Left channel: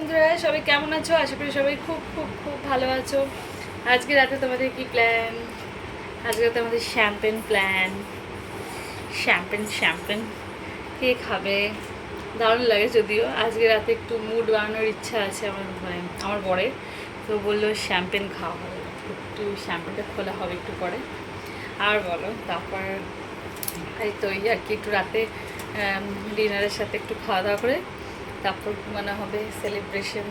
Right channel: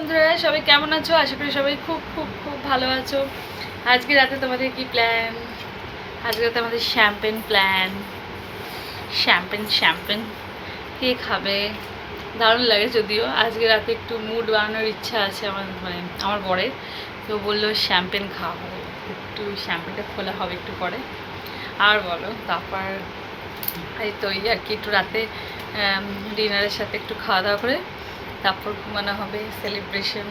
বন্ধুরা, সবাই কেমন আছো? আশা করি সবাই খুব খুব খুব ভালো আছো। আজকে রাতে তোমাদের কি প্ল্যান আজকে রাতে আমাদের শ্যাম্পেন প্ল্যান শ্যাম্পেন শ্যাম্পেন কে খাবে? দারুণ লাগে যদিও। আজকে রাতে একটু মুড বানানোর ইচ্ছা আছে আমার মানে আমার বরের। তো বলল শ্যাম্পেন খাওয়া হবে একটু শ্যাম্পেনটা খোলা হবে একটু পরে। আর বলো, তারপর এই তো আর কি, একটু রাতে ডিনারের সাথে একটু খাওয়া দাওয়া করে তারপর ঘুমানো হবে সেলিব্রেশন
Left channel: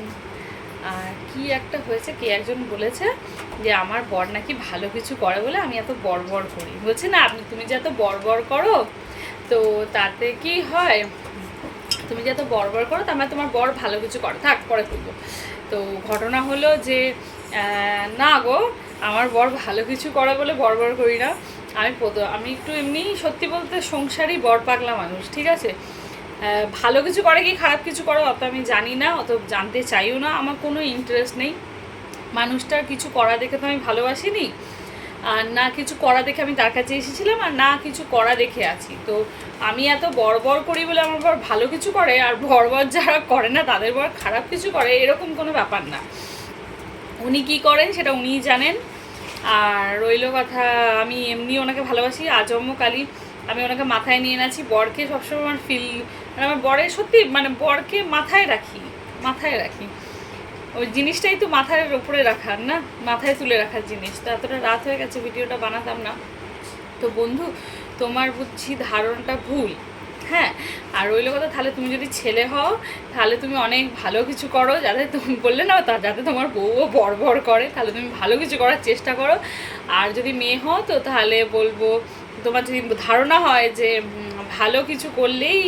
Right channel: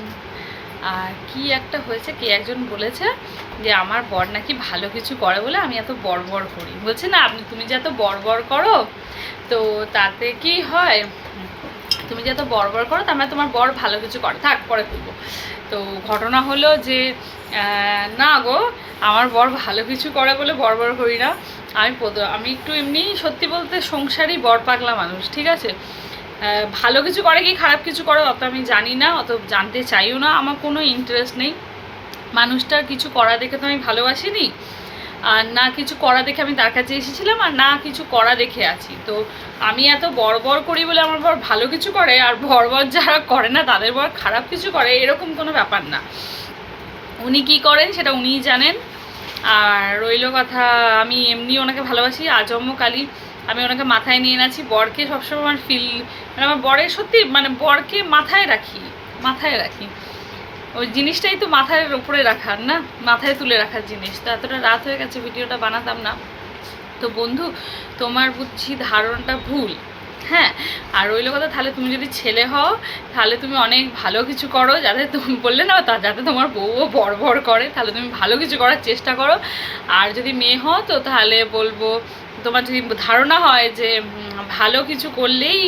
আর কি একটা হয়েছে, কে একজন বলেছে যে, আমার বর নাকি ভালো কিছু করে বলে আমি এত বড় করি। বলছে, না, আপনি, তুমি যে এত বড় করো, তো তাতে কি হয়, তুমি যে এত বড় করো, তার মানে তোমার বর ভালো কিছু করে। থাক, পরে তুলবো তো ঘটনা হলো যে না গো, আমার বর ভালো কিছু করে বলে বড় করি না। আমি আমি একটু এমনি সত্যি বলতে সংসারই বর পাগলা মানুষ, ঠিক আছে? ভালো কিছু করে কি খারাপ কিছু করে অত আমি জানি না, অত জানতে চাইও না, আমার কোনো ইন্টারেস্ট নেই। মানুষটার কিছু করা দেখে তো আমি ভালোবাসিনি, আর না কিছু করা দেখে আমি তার কাছে এসেছিলাম, আর না কিছু করা দেখে আছি। তো আমি এত বড় বড় করি বলে আমার বর ভালো কিছু করে, আর বড় বড় যারা করে না, তাদের বর খারাপ কিছু করে, এরকম কোনো ব্যাপার না। উনি কি করেন সেটা উনিই জানেন। আর রইল কথা, আমি এমনি ওনাকে ভালোবাসি আজম্ম কালী আমি ওনাকে মাথায় নিয়ে নাছি বরকে সবসময় আমার ফিল মানে আমার বরে সত্যি মানে বরকে মাথায় রাখি মাথায় রাখি। ওই জিনিসটাই তো মাথার উপরে রাখার না? মাথায় তুলে রাখার জিনিস। তো এতটা রাত হয়ে গেছে, ভিডিওটা বানাতাম না। তো বন্ধু, তোমার বুঝছি ধারণাটা ভুল। হ্যাঁ আর রইল কথা, তাহলে তুমি যদি ছেলে হও, তাহলে তুমি অনেক ভালো কিছু করো, যাতে তুমি বললে না, তা যাতে তোমার বউও বড় বড় করে, তাহলে তুমি ভালো কিছু করার চেষ্টা করো। আর যদি মেয়ে হও তো তাহলে বলব তোমার যদি ধারণা হয় যে ভালো কিছু করলেই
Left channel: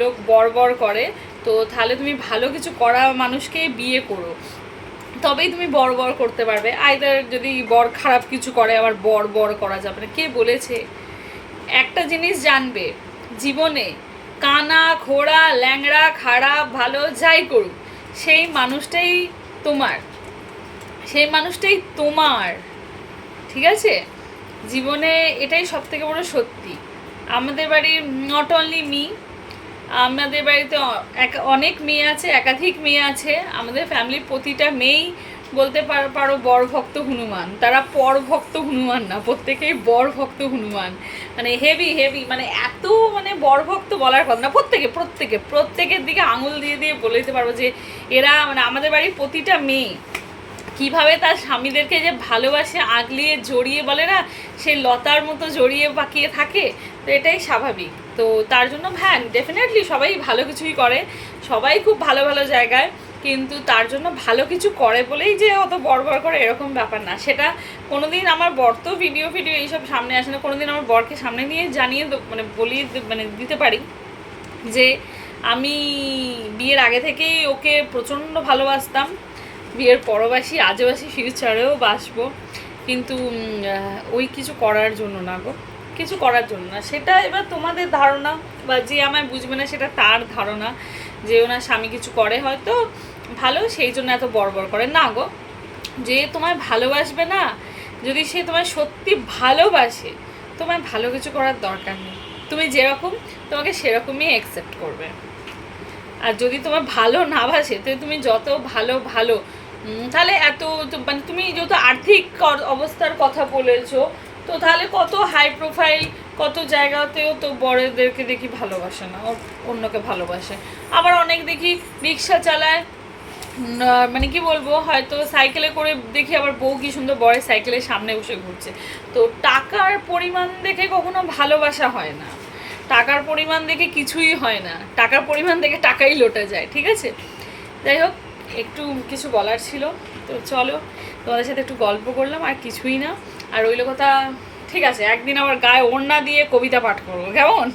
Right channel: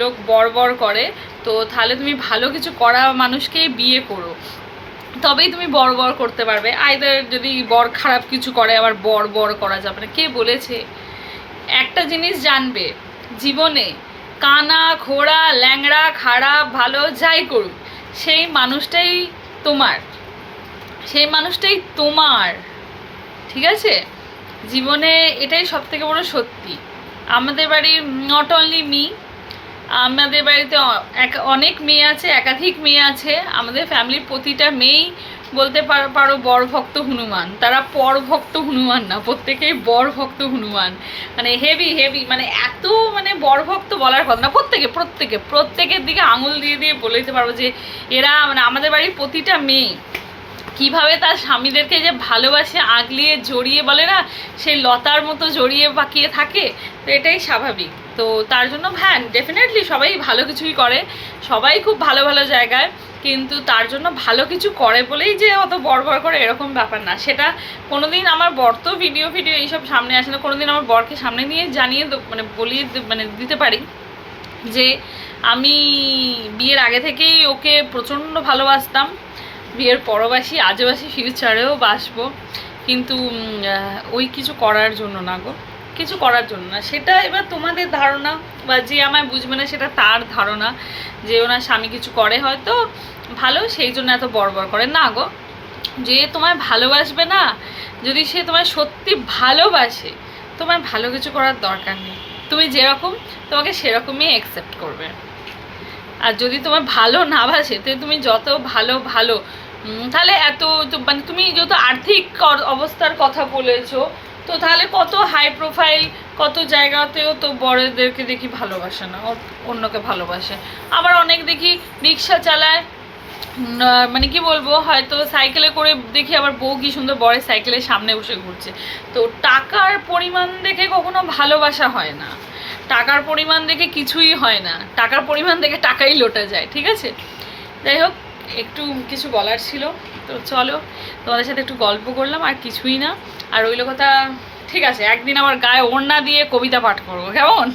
লোক বড় করে, তো তাহলে তুমি ভালো কিছু করা মানুষকে বিয়ে করো। তবেই তুমি বড় বড় করতে পারবে। আইদার যদি বর খারাপ কিছু করে, আবার বড় বড় করা যাবে না কে বলেছে? একটা জিনিস জানবে, জীবনে কানা খোড়া ল্যাংড়া খারাপ ভালো যাই করুক, সেই মানুষটাই তোমার। সেই মানুষটাই তোমার। ঠিক আছে? জীবনে এটাই সব থেকে বড় সত্যি। আমাদের বাড়ির নট অনলি মি আমাদের বাড়িতে অনেক মেয়ে আছে, একাধিক মেয়ে আছে। আমাদের ফ্যামিলির প্রতিটা মেয়েই বলতে পারো বর ভক্ত হনুমান। তারা পর ভক্ত হনুমান না, প্রত্যেকেই বর ভক্ত হনুমান। মানে হেভি হেভি মানে এত মানে বর ভক্ত বলার কথা না, প্রত্যেকে প্রত্যেকে, প্রত্যেকের দিকে আঙুল দিয়ে দিয়ে বলে দিতে পারব যে এরা মানে আমাদের বাড়ির প্রতিটা মেয়ে কীভাবে তার স্বামীদেরকে যে ভালোবাসে, আগলিয়ে জড়িয়ে বলে না, সেই লতার মতো জড়িয়ে পাকিয়ে থাকে, তো এটাই স্বাভাবিক। তো তার জন্য হ্যাঁ ডেফিনেটলি সবাই ভালো কিছুই করে, সবাই খুব ভালো ভালো জায়গায়, কিন্তু তার জন্য ভালো কিছু করে বলেই যে অত বড় করে এরকম ব্যাপার না। সেটা কোনোদিন আমার বর তো ভিডিও ভিডিও এইসব সামনে আসে না, কোনোদিন আমার বরকে সামনে নিয়ে জানিয়ে মানে বলিয়ে মানে দিতে পারি যে আমি বিয়ের আগে থেকেই ওকে প্রচণ্ড ভালোবাসতাম। বিয়ের পরবাসী, আজবাসী ফিউচারেও বাসবো। কিন্তু ওই কিছু করার জন্য না গো। কিছু করার জন্য না। সেটা এবার তোমাদের ধারণা বা যে আমায় বুঝবে না সেটা তার ধারণা যে ওনার স্বামী কিছু করে হয়তো ভালো, সেই জন্য এত বড় করে। না গো, যে তোমায় ভালোবাসবে না, যদি সে তোমায় সত্যি ভালোবাসে, তোমায় ভালো কিছু করার দরকার নেই। তুমি যেরকম, তোমাকে সেরকমই অ্যাকসেপ্ট করবে। আর যদি তোমার ভালো না বাসে, তো তুমি যত ভালো ভালো তাহলে এত মানে তুমি যত আর্থিক অবস্থার কথা বলেছ, তো তাহলে কত হাই প্রোফাইল কত জায়গাতেও তো বড়দেরকে দেখি ভালোবাসে না অন্যকে ভালোবাসে। আবার অনেক দেখি রিক্সা চালায় মানে কি বলব, হয়তো সাইকেলে করে দেখি আবার বউ কি সুন্দর বরের সাইকেলের সামনে বসে ঘুরছে। তো টাকার পরিমাণ দেখে কখনো ভালোবাসা হয় না। টাকার পরিমাণ দেখে কিছুই হয় না। টাকার পরিমাণ দেখে টাকাই লোটা যায়, ঠিক আছে? যাই হোক একটু কিছু বলার ছিল। তো চলো, তোমাদের সাথে একটু গল্প করলাম, আর কিছুই না। আর ওইলো কথা ঠিক আছে, একদিন আবার গায়ে ওড়না দিয়ে কবিতা পাঠ করব, কেমন?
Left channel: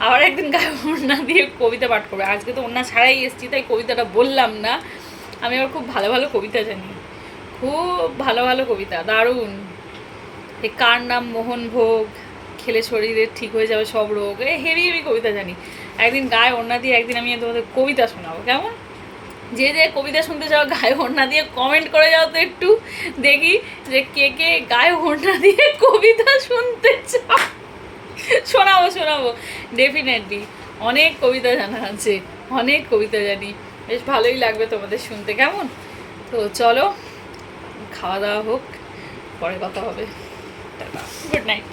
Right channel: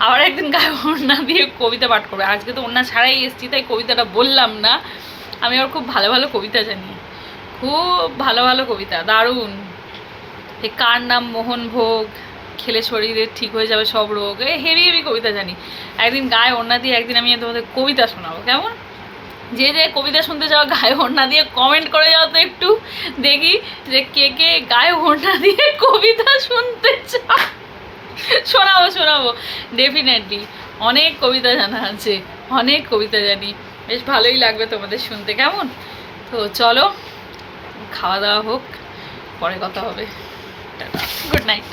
আবার একদিন গায়ে ওড়না দিয়ে কবিতা পাঠ করব। আজকে তো ওড়না ছাড়াই এসছি, তাই কবিতাটা বললাম না। আমি আবার খুব ভালো ভালো কবিতা জানি। খুব ভালো ভালো কবিতা, দারুণ। এ কার নাম মোহন ভোগ? খেলে শরীরে ঠিক হয়ে যাবে সব রোগ। এ হেভি হেভি কবিতা জানি। একদিন গায়ে ওড়না দিয়ে একদিন আমি তোমাদের কবিতা শোনাবো, কেমন? যে যে কবিতা শুনতে চাও গায়ে ওড়না দিয়ে কমেন্ট করে যাও তো একটু। দেখি যে কে কে গায়ে ওড়না দিয়ে কবিতা শুনতে চাও। শোনাবো শোনাবো। ডেফিনেটলি অনেক কবিতা জানা আছে, অনেক কবিতা জানি। বেশ ভালোই লাগবে তোমাদের শুনতে, কেমন? তো চলো, খাওয়া দাওয়া হোক, পরে কথা হবে। Good night